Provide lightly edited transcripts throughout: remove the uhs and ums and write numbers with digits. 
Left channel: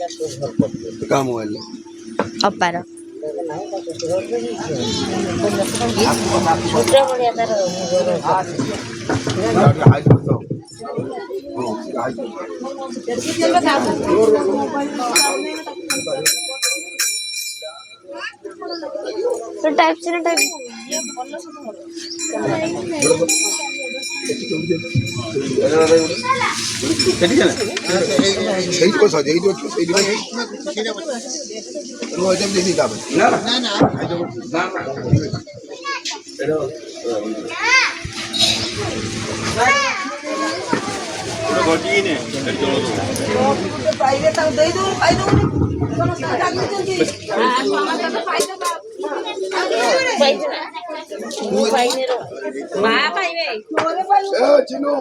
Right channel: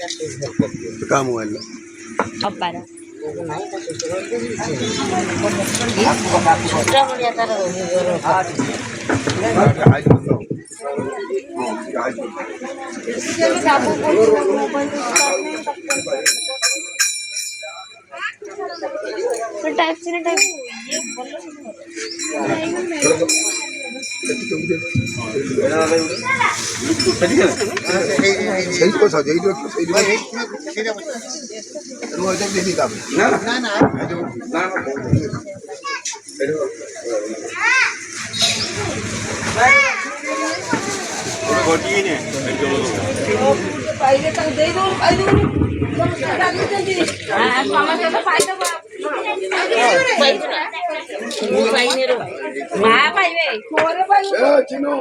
का मोबाईल अप्पारा तो टाइप से टाइप सही को साथ यही जो सही नहीं वो जब नहीं का ना ना ना थोड़ा गोटी ने पाइगे तक दे दो पाइ दो हां समझ तो पाइ दो पाइने रो मा पाइबे मोरे पाइ ए चिनु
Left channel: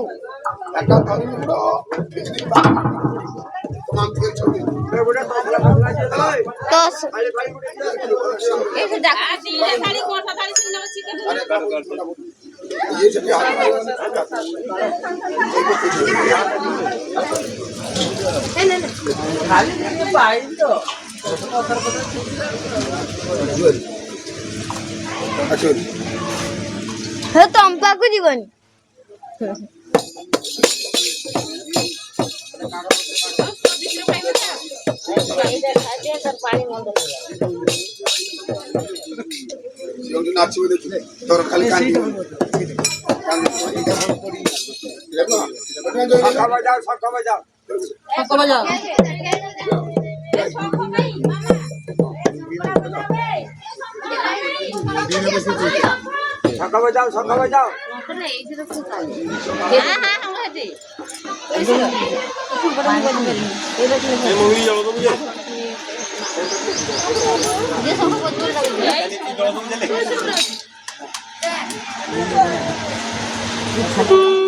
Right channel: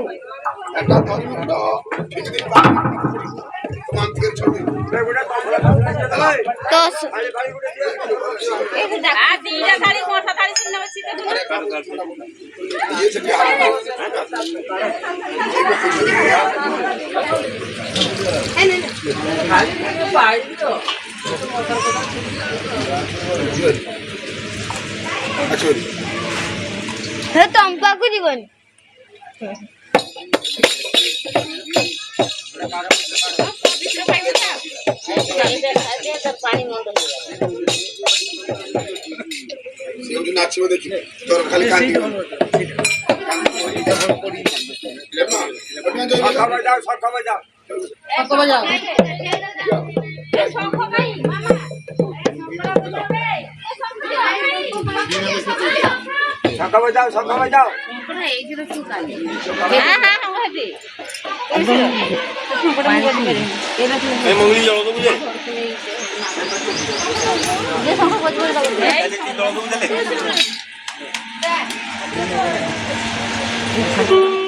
একটা ধরি উড়ো ঠিক দিন মান থেকে ছোট এ বড় তো এই যে দেখা দিলা শাড়ি কোনটা শাড়ি কিনে আছে আরে কাট ये सभी आ है ना खाली पाई तो अच्छा हे तो हम का कुछ कोनी नाच में देखी तो खाली कांदी Thank you.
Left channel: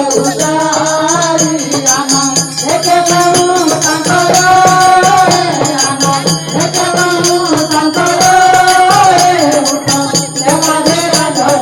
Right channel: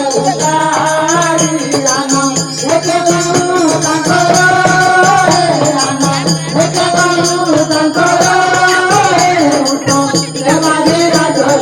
अवतार